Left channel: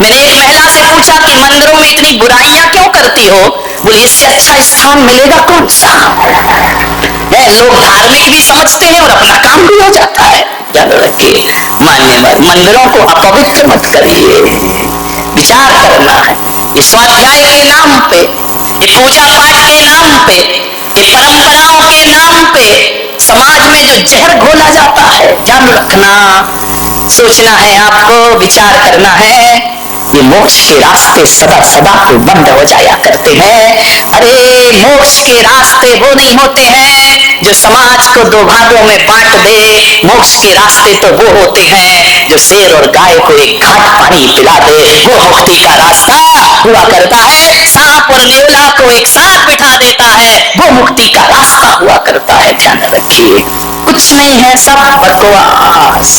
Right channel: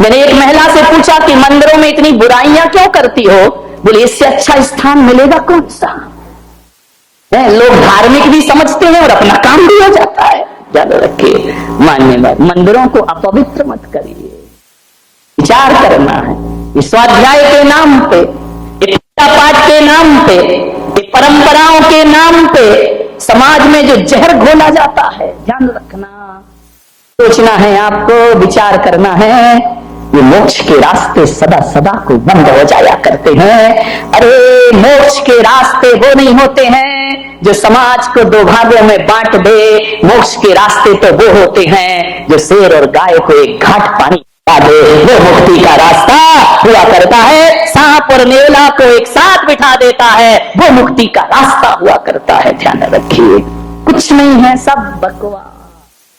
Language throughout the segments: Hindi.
मैंने एक महिला से पूछा कि मंदिरों में इतनी बुराइयां क्यों करती हो? बोले इससे अच्छा स्थान मिलेगा कौन सा? लोग धार्मिक भी समझते हैं और अपना काम भी हो जाता है। याद रखिए, मान्यवर मंदिरों को अपवित्र मत करिए। विचार करना है, ये स्वाध्याय के नाम पे, ये पूजा पाठ के नाम पे, ये परंपराओं के नाम पे समाज में जो जहर घोला जाता है, ध्यान रखना, सोचना है आपको, विचार करना है। ये मोक्ष के रास्ते सदा सदा को बंद हो जाया करते हैं। अरे मोक्ष के रास्ते वो नहीं होते हैं जो समाज को दो भागों में बांट दे। मोक्ष के रास्ते तो वो होते हैं जो शेर और गाय को एक घाट पानी पिला दे। वो मुक्ति का रास्ता हुआ करता है। सांप और नेवला को एक साथ बिठा देता है, वो मुक्ति का रास्ता हुआ करता है। ध्यान रखिए, कुछ नहीं है, सब बकवास।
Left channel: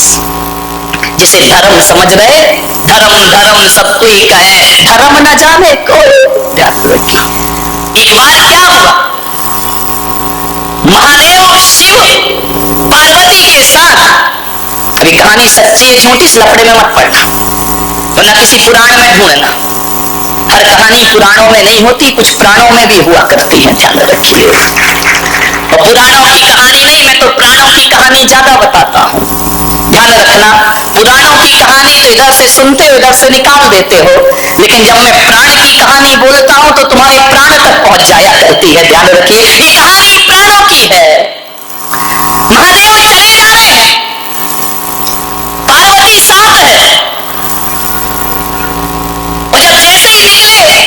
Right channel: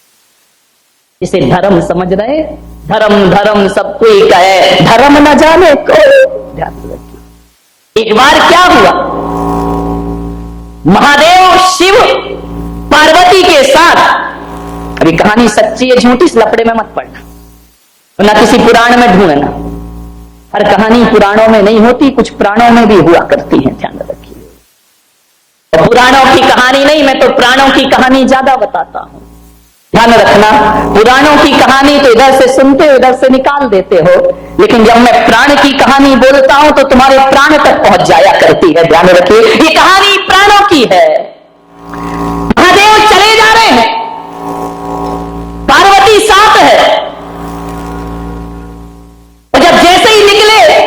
जिसे धर्म समझ रहे, धर्म धर्म सब कोई कहे, धर्म न जाने कोई। ध्यान रखिए, एक बार क्या हुआ, महादेव शिव पार्वती के साथ, अभी कहानी सच्ची है झूठी, इस लफड़े में मत पड़ना, तो न किसी पुराण में ढूंढना। हर कहानी पुराणों में नहीं होती, कुछ पुराणों में भी हुआ करती है। ध्यान रखिए, और पुराणों की कहानी नहीं, मैं तो प्राणों की कहानी ज्यादा बताता हूं। ध्यान रखना, पुराणों की कहानी तो इधर से सुनते हो, इधर से निकाल देते हो, लेकिन जब मैं प्राण की कहानी बोलता हूं तो तुम्हारे प्राण तक पहुंच जाया करती है। ध्यान रखिए, ये कहानी प्राणों की है। महादेव चले जा रहे हैं, पार्वती साथ है, और जब जैसे ही निकले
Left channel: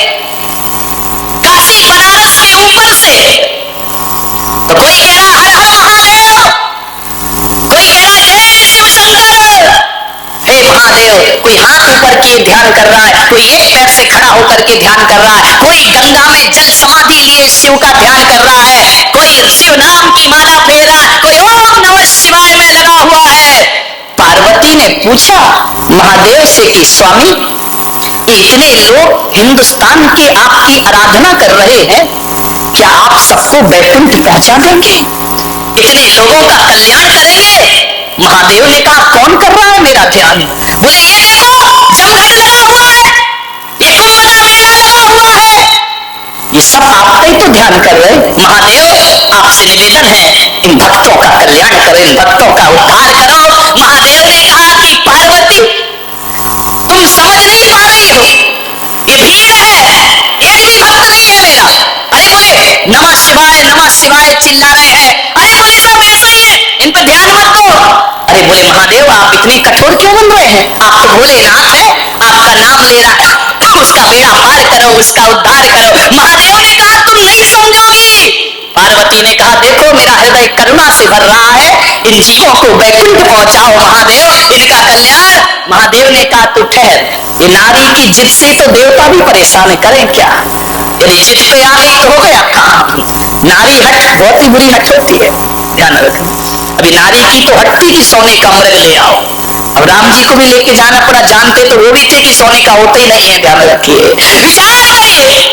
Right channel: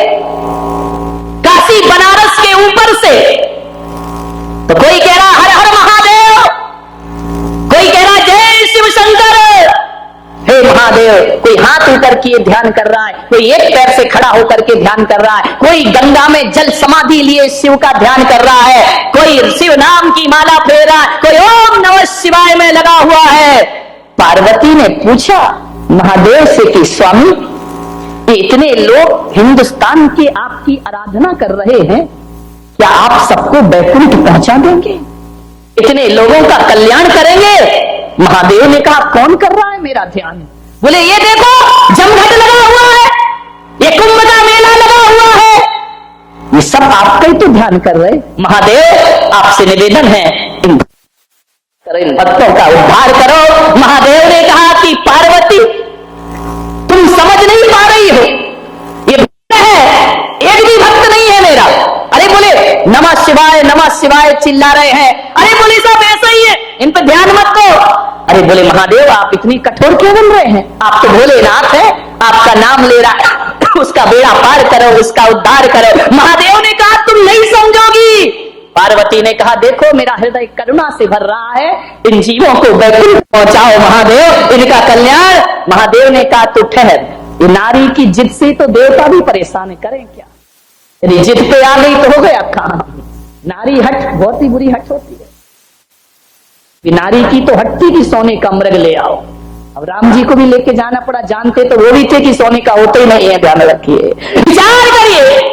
काशी बनारस के ऊपर से, तो कोई कह रहा हर हर महादेव, कोई कह रहा जय शिव शंकर, हे महादेव। कोई हाथ ऊपर किए ध्यान कर रहा है, कोई एक पैर से खड़ा होकर के ध्यान कर रहा है, कोई गंगा में जल समाधि लिए शिव का ध्यान कर रहा है, कोई शिव नाम की माला फेर रहा है, कोई ओम नमः शिवाय में लगा हुआ है। पार्वती ने पूछा महादेव से कि स्वामी, ये इतने लोग हिंदुस्तान के आपकी आराधना कर रहे हैं, क्या आप सबको बैकुंठ पहुंचा देंगे? इतने लोगों का कल्याण करेंगे? महादेव ने कहा कौन कर रहा है मेरा ध्यान? बोले ये देखो जमघट लगा हुआ है, ये कुंभ का मेला लगा हुआ है, ये सब आपका ही तो ध्यान कर रहे। महादेव आपसे निवेदन है, इन भक्तों का कल्याण करो, इन भक्तों का उद्धार करो। महादेव ने कहा कि पार्वती तुम समझ नहीं पा रही हो, ये भीड़ है, एक भी भक्त नहीं है मेरा। अरे बोले नमः शिवाय चिल्ला रहे हैं। अरे बोले सब ऐसा ही है, इन पर ध्यान मत दो। अरे बोले महादेव आप इतनी कठोर क्यों बन रहे हैं? आप तो भोलेनाथ है, आपका नाम ले रहा है, उसका बेड़ा पार करो, उसका उद्धार करो। महादेव ने कहा तुम नहीं समझोगी। पार्वती ने कहा देखो मेरा हृदय करुणा से भर रहा है, इन जीवों को वैकुंठ पहुंचाओ महादेव, इनका कल्याण। महादेव ने कहा तू ठहर, ये नारी की जिद से तो देवता भी परेशान करें क्या? यदि जिद पे आ गई तो हो गया काम। नारी हट बहुत ही बुरी हट होती है, ध्यान रखना। अभी नारी की तो हटती कि सोने का मृग ले आओ, अब राम जी को भी लेके जाना पड़ा, जानते तो वो भी थे कि सोने का होते ही नहीं है। ध्यान रखिए, विचार करिए।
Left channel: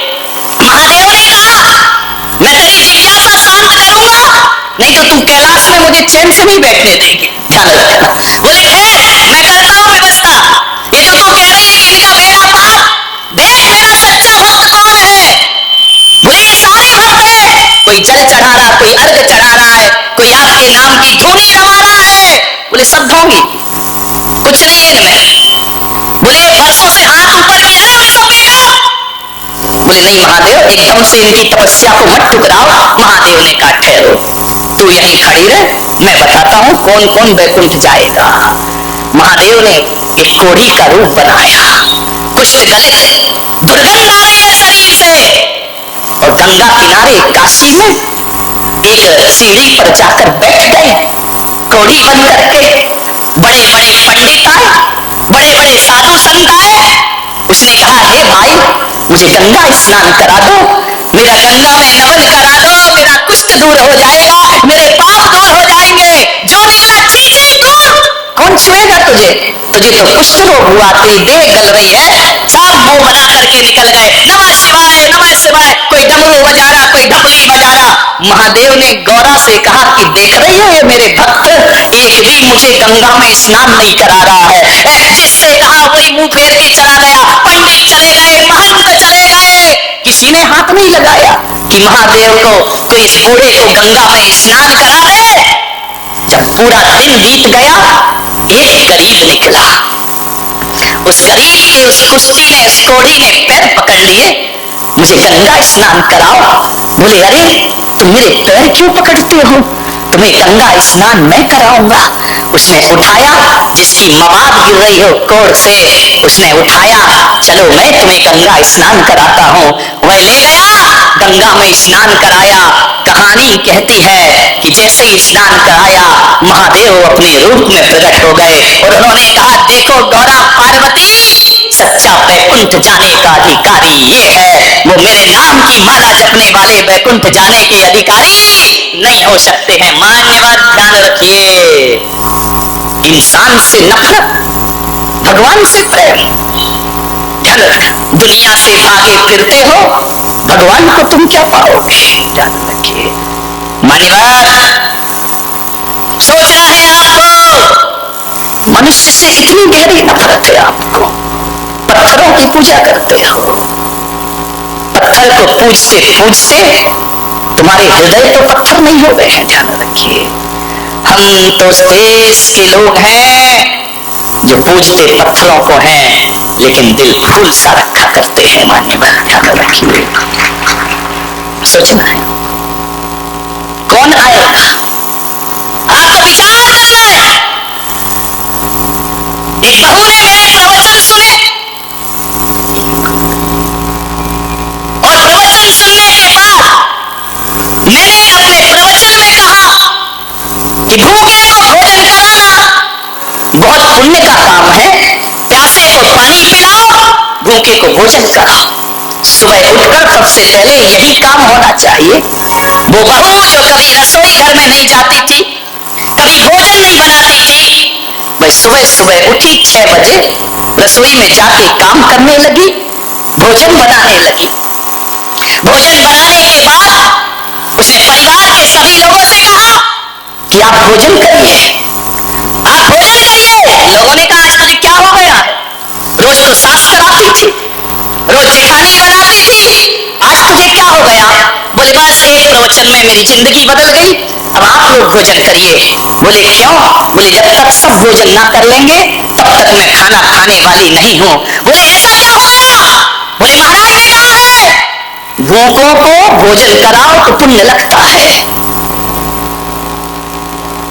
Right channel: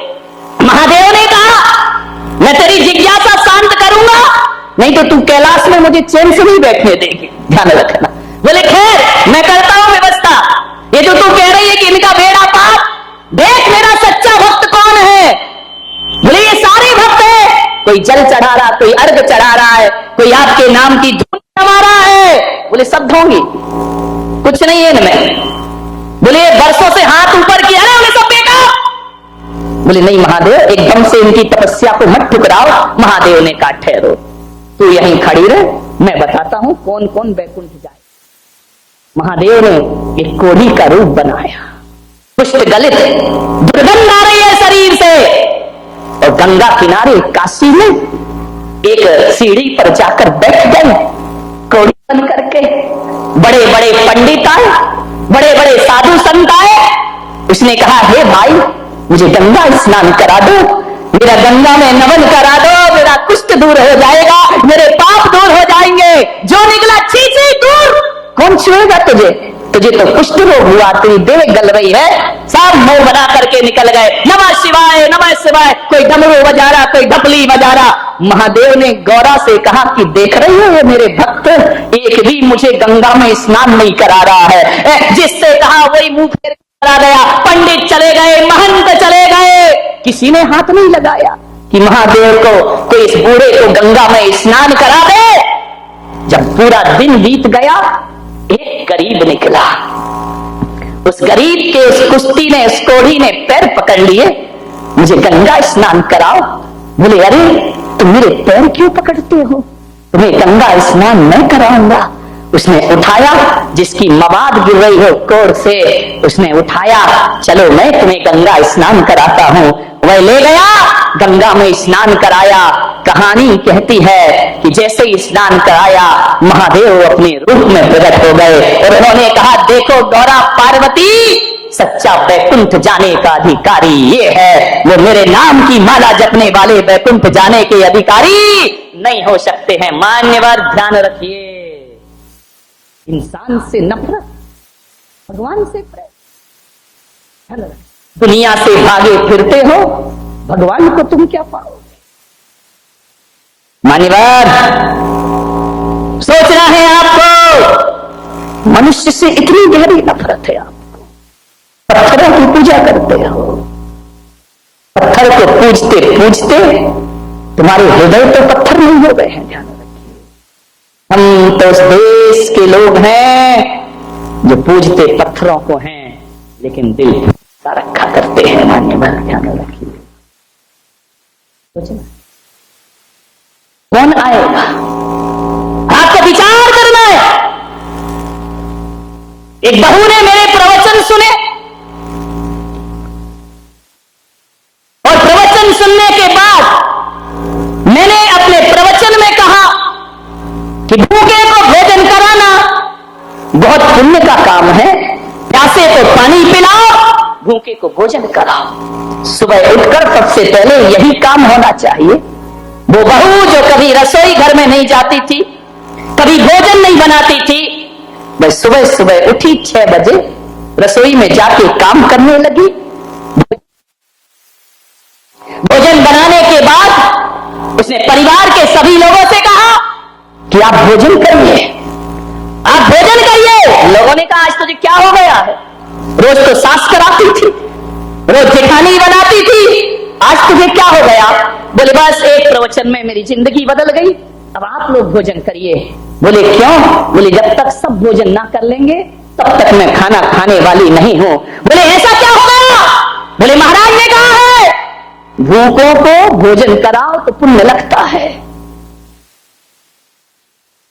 महादेव ने कहा मैं तेरी जिज्ञासा शांत करूंगा, नहीं तो तू कैलाश में मुझे चैन से नहीं बैठने देगी। ध्यान रखना। बोले खैर मैं करता हूं व्यवस्था, ये जो तू कह रही है कि इनका बेड़ा पार, देख मेरा सच्चा भक्त कौन है। बोले ये सारे भक्त है, कोई जल चढ़ा रहा, कोई अर्घ चढ़ा रहा है, कोई आपके नाम की धूनी रमा रहा है। बोले सब ढोंगी, कुछ नहीं है इनमें। बोले वर्षों से हाथ ऊपर किया है, उन सब बेटा। बोले नहीं महादेव, एकदम से इनकी तपस्या को मत ठुकराओ। महादेव ने कहा ठहरो, तू यहीं खड़ी रह, मैं बताता हूं कौन कौन वैकुंठ जाएगा। महादेव ने एक कोढ़ी का रूप बनाया, कुष्ठ गलित, दुर्गंध आ रही है शरीर से, और गंगा किनारे काशी में एक सीढ़ी पर जाकर बैठ गए, कोढ़ी बन करके। बड़े बड़े पंडित आए, बड़े बड़े साधु संत आए। उसने कहा हे भाई मुझे गंगा स्नान करा दो, मेरा गंगा में नमन करा दो, मेरा कुष्ठ दूर हो जाएगा, मेरे पाप दूर हो जाएंगे। जो निकला छी छी दूर, कौन छुएगा तुझे? तुझे तो कुष्ठ रोग हुआ, तेरी देह गल रही है। सब मुंह बना करके निकल गए, नमः शिवाय नमः शिवाय। कोई डमरू बजा रहा, कोई ढपली बजा रहा। महादेव ने गौरा से कहा कि देख रही हो ये मेरे भक्त एक भी मुझे गंगा में स्नान नहीं करा रहा है। जिससे कहा वही मुंह फेर के चला गया। चले गए, महंत चले गए, किसी ने हाथ नहीं लगाया कि महादेव को कोई इस बूढ़े को गंगा में स्नान करा दे। जब पूरा दिन बीत गया, एक गरीब निकला। उस गरीब के उस कुश्ती ने, उस कोढ़ी ने पैर पकड़ लिए, मुझे गंगा स्नान कराओ। बोले अरे तुम मेरे पैर क्यों पकड़ते हो, तुम्हें गंगा स्नान मैं कराऊंगा। उसने उठाया, जिसकी मवाद गिर रही हो कोढ़ से, उसने उठाया, चलो मैं तुम्हें गंगा स्नान कराता हूं। वह ले गया, गंगा में स्नान कराया। कहानी कहती है कि जैसे ही स्नान कराया, महादेव अपने रूप में प्रकट हो गए और उन्होंने कहा, देखो गौरा पार्वती, सच्चा बैकुंठ जाने का अधिकारी ये है, वो मेरे नाम की माला जपने वाले बैकुंठ जाने के अधिकारी नहीं हो सकते हैं। मान्यवर ध्यान रखिए, इंसान से नफरत, भगवान से प्रेम। ध्यान रख, दुनिया से भागे फिरते हो, भगवान को तुम क्या पाओगे। ध्यान रखिए मान्यवर, सोचना है आपको, मनुष्य से इतनी गहरी नफरत है आपको। पत्थरों की पूजा करते हो, पत्थर को पूजते पूजते तुम्हारे हृदय तो पत्थर नहीं हो गए हैं। ध्यान रखिए, हम तो उस देश के लोग हैं जो पूजते पत्थरों को हैं, लेकिन दिल फूल सा रखा करते हैं। मान्यवर ध्यान रखिए, सोचना है कौन आएगा, आपको विचार करना है। एक बहू ने मेरे प्रवचन सुने और प्रवचन सुनने के बाद मैंने अपने प्रवचन में कहा कि भूखे को भोजन कराना बहुत पुण्य का काम है। प्यासे को पानी पिलाओ, भूखे को भोजन कराओ। सुबह उठकर सबसे पहले यही काम होना चाहिए। वो बहू जो कभी रसोई घर में नहीं जाती थी, कभी भोजन नहीं बनाती थी, वह सुबह सुबह उठी 6 बजे, रसोई में जाके काम करने लगी, भोजन बनाने लगी। भोजन बनाने के बाद उसने परिवार के सभी लोगों से कहा कि आप भोजन करिए, आप भोजन करिए। लोगों ने कहा, आज तुझे क्या हो गया है, रोज तो सास कराती थी, रोज जेठानी बनाती थी, आज तुझे क्या हो गया। बोले बस एक प्रवचन में मेरी जिंदगी बदल गई, अब आप लोग भोजन करिए। बोले क्यों। बोले जब तक सब भोजन ना कर लेंगे तब तक मैं खाना खाने वाली नहीं हूं। बोले ऐसा क्या हो गया। बोले महाराज ने कहा है भूखों को भोजन कराओ तो पुण्य लगता है।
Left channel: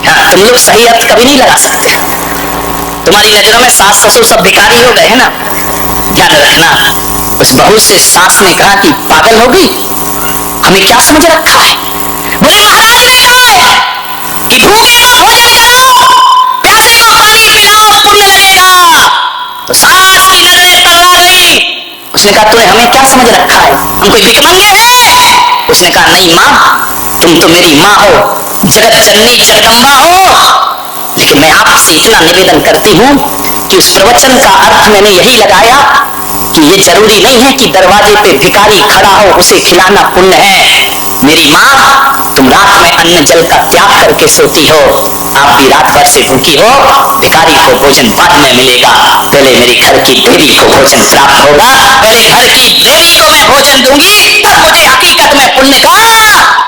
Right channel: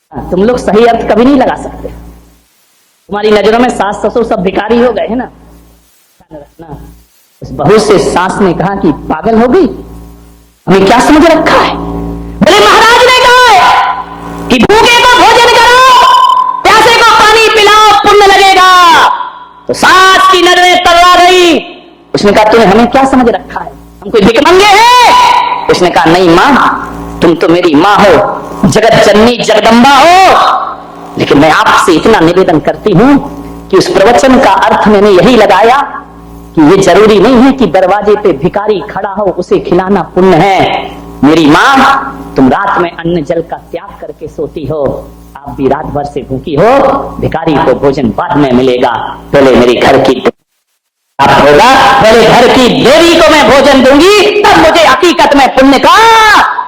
हाँ, तुम लोग सही अर्थ कभी नहीं लगा सकते, तुम्हारी नजरों में सास ससुर सब भिखारी हो गए हैं ना। ध्यान रखना, उस बहू से सास ने कहा कि पागल हो गई, हमें क्या समझ रखा है। बोले महाराज ने कहा है कि भूखे को भोजन कराओ, प्यासे को पानी पिलाओ, पुण्य लगेगा। तो सास की नजरें तल्ला गई। उसने कहा तूने हमें क्या समझ रखा है, हम कोई भिखमंगे हैं। उसने कहा नहीं मां, तुम तो मेरी मां हो, जगत जननी जगदम्बा हो, लेकिन मैं आपसे इतना निवेदन करती हूं कि उस प्रवचन का अर्थ मैंने यही लगाया कि ये जरूरी नहीं है कि दरवाजे पे भिखारी खड़ा हो उसे खिलाना पुण्य है। मेरी मां, तुम रात में अन्न जल का त्याग करके सोती हो, आप भी रात भर से भूखी हो, भिखारी को भोजन बाद में मिलेगा, पहले मेरी घर की देवी को भोजन प्राप्त होगा, पहले घर की देवी को मैं भोजन दूंगी, तब मुझे हकीकत में पुण्य का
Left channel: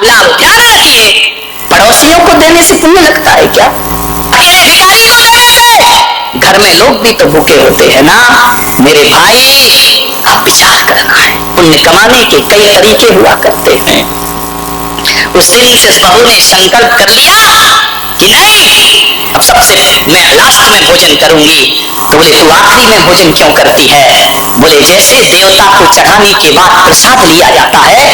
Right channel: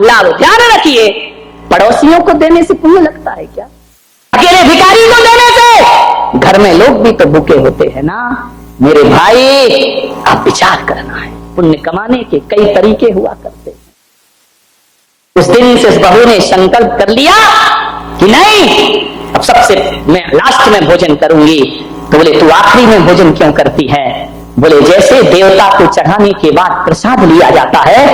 लाभ। ध्यान रखिए, पड़ोसियों को देने से पुण्य लगता है क्या, अकेले भिखारी को देने से। घर में लोग भी तो भूखे होते हैं ना। मेरे भाई, आप विचार करना है, पुण्य कमाने के कई तरीके हुआ करते हैं। उस दिन से उस बहू ने संकल्प कर लिया कि नहीं, अब सबसे मैं लास्ट में भोजन करूंगी। तो बोले तू आखिरी में भोजन क्यों करती है। बोले जैसे देवता को चढ़ाने के बाद प्रसाद लिया जाता है,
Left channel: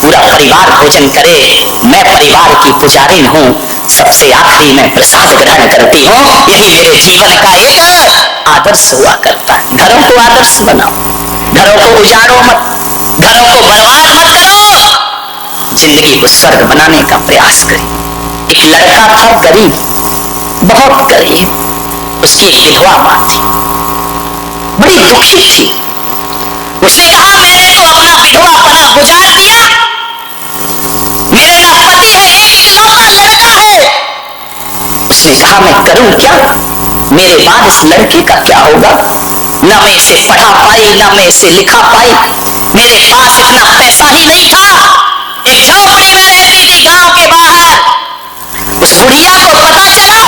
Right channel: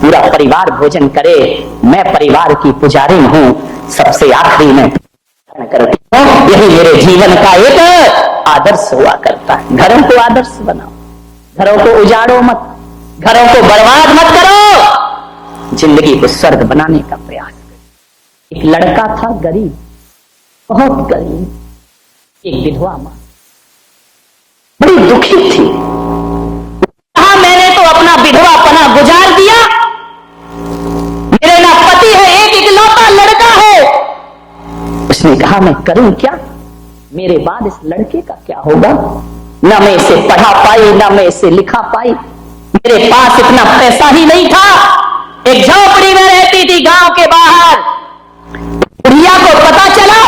पूरा परिवार भोजन करे, मैं परिवार की पुजारिन हूं, सबसे आखिरी में प्रसाद ग्रहण करती हूँ। यही मेरे जीवन का एक आदर्श हुआ करता है। घरों को आदर्श बनाओ, घरों को उजाड़ो मत, घरों को बर्बाद मत करो, जिंदगी को स्वर्ग बनाने का प्रयास करें। एक लड़का था गरीब, बहुत गरीब, उसकी एक विधवा मां थी, बड़ी दुखी थी। उसने कहा मैंने तो अपना विधवापना गुजार दिया, मेरे ना पति है, एक इकलौता लड़का है। उसने कहा मैं करूं क्या, मेरे बाद इस लड़के का क्या होगा। न मैं इसे पढ़ा पाई, न मैं इसे लिखा पाई। मेरे पास इतना पैसा ही नहीं था। एक झोपड़ी में रहती थी गांव के बाहर। उस बुढ़िया को पता चला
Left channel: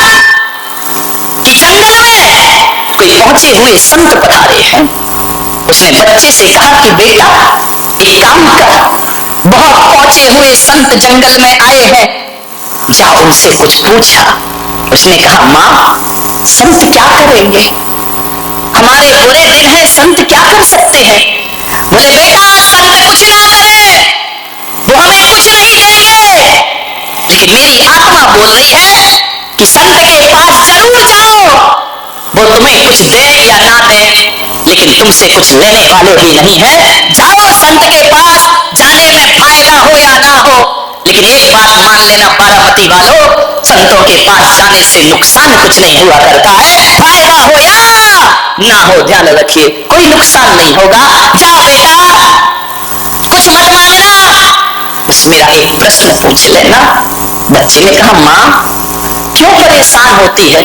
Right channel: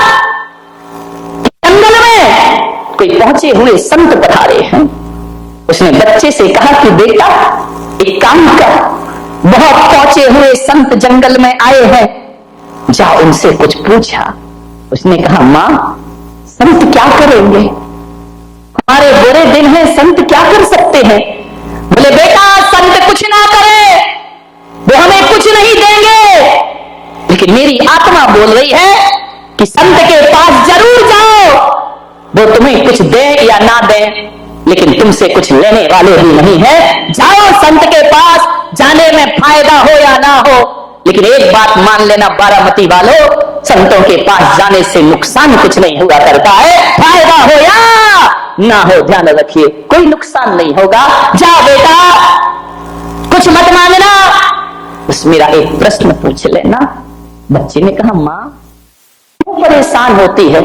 कि जंगल में कोई पहुंचे हुए संत पधारे हैं। उसने बच्चे से कहा कि बेटा एक काम कर, बहुत पहुंचे हुए संत जंगल में आए हैं, जा उनसे कुछ पूछा। उसने कहा मां, संत क्या करेंगे, हमारे बुरे दिन हैं, संत क्या कर सकते हैं। बोले बेटा संत कुछ ना करे, वो हमें कुछ नहीं देंगे, लेकिन मेरी आत्मा बोल रही है कि संत के पास जरूर जाओ, वो तुम्हें कुछ दे या ना दे, लेकिन तुमसे कुछ लेने वाले भी नहीं है। जाओ संत के पास, जाने में फायदा हो या ना हो, लेकिन एक बात मान लेना बारामती वालों, संतों के पास जाने से नुकसान कुछ नहीं हुआ करता है, फायदा हो या ना हो ध्यान रखिए, कोई नुकसान नहीं होगा। जाओ बेटा, कुछ मत मांगना, बस मेरा एक प्रश्न पूछ लेना। बच्चे ने कहा मां क्यों परेशान होती है,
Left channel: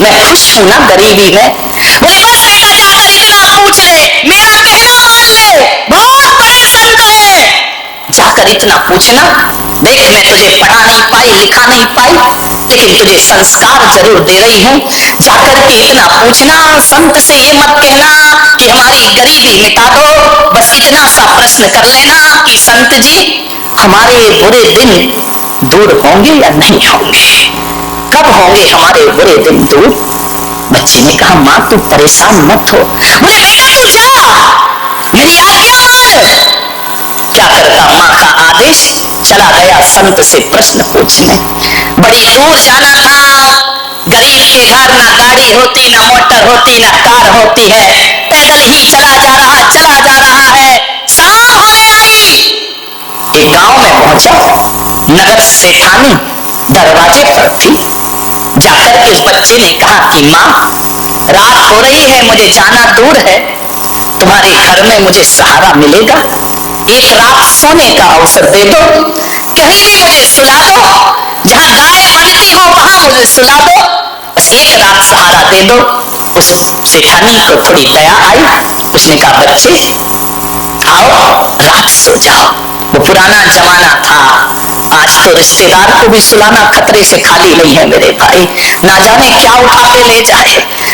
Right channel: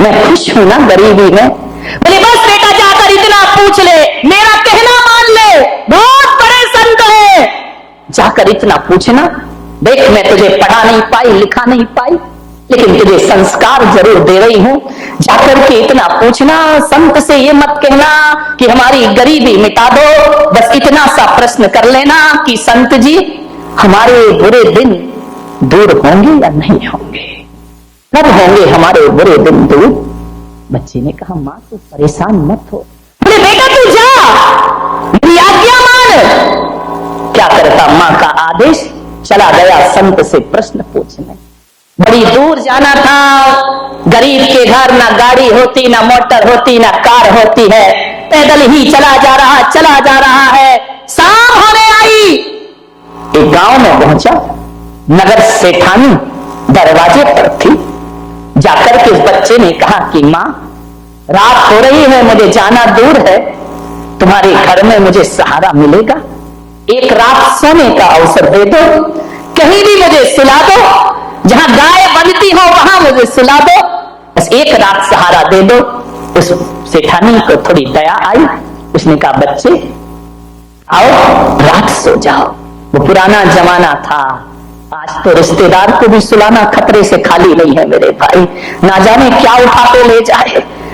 मैं खुश हूं ना गरीबी में। बोले बस बेटा जाकर इतना पूछ ले, मेरा कहना मान ले, बहुत बड़े संत है, जाकर इतना पूछना। देख मैं तुझे पढ़ा नहीं पाई, लिखा नहीं पाई, लेकिन तुझे संस्कार जरूर दे रही हूं। जाकर के इतना पूछना, संत से ये मत कहना कि हमारी गरीबी मिटा दो, बस इतना सा प्रश्न कर लेना कि संत जी हमारे बुरे दिन दूर होंगे या नहीं होंगे, कब होंगे हमारे बुरे दिन दूर। बच्चे ने कहा मां तू परेशान मत हो। बोले बेटा तू जा, मेरी आज्ञा मान। क्या करता, मां का आदेश, चला गया संत से प्रश्न पूछने। बड़ी दूर जाना था, गरीब के घर ना गाड़ी होती, ना मोटर होती, ना कार होती है, पैदल ही चला जा रहा है। शाम होने आई, एक गांव में पहुंचा, नगर सेठानी दरवाजे पर थी। जाकर के उस बच्चे ने कहा कि मां रात हो रही है, मुझे जाना दूर है, तुम्हारे घर में मुझे सहारा मिलेगा, एक रात सोने का अवसर दे दो, कहीं भी मुझे सुला दो, जहां गाय बनती हो वहां मुझे सुला दो, बस एक रात सहारा दे दो। उस सेठानी को थोड़ी दया आई, उसने कहा बच्चे आओ रात सो जाओ। वो पुराना जमाना था, आज तो रिश्तेदार को भी सुलाना खतरे से खाली नहीं है मेरे भाई, ना जाने क्या उठा के ले जाए।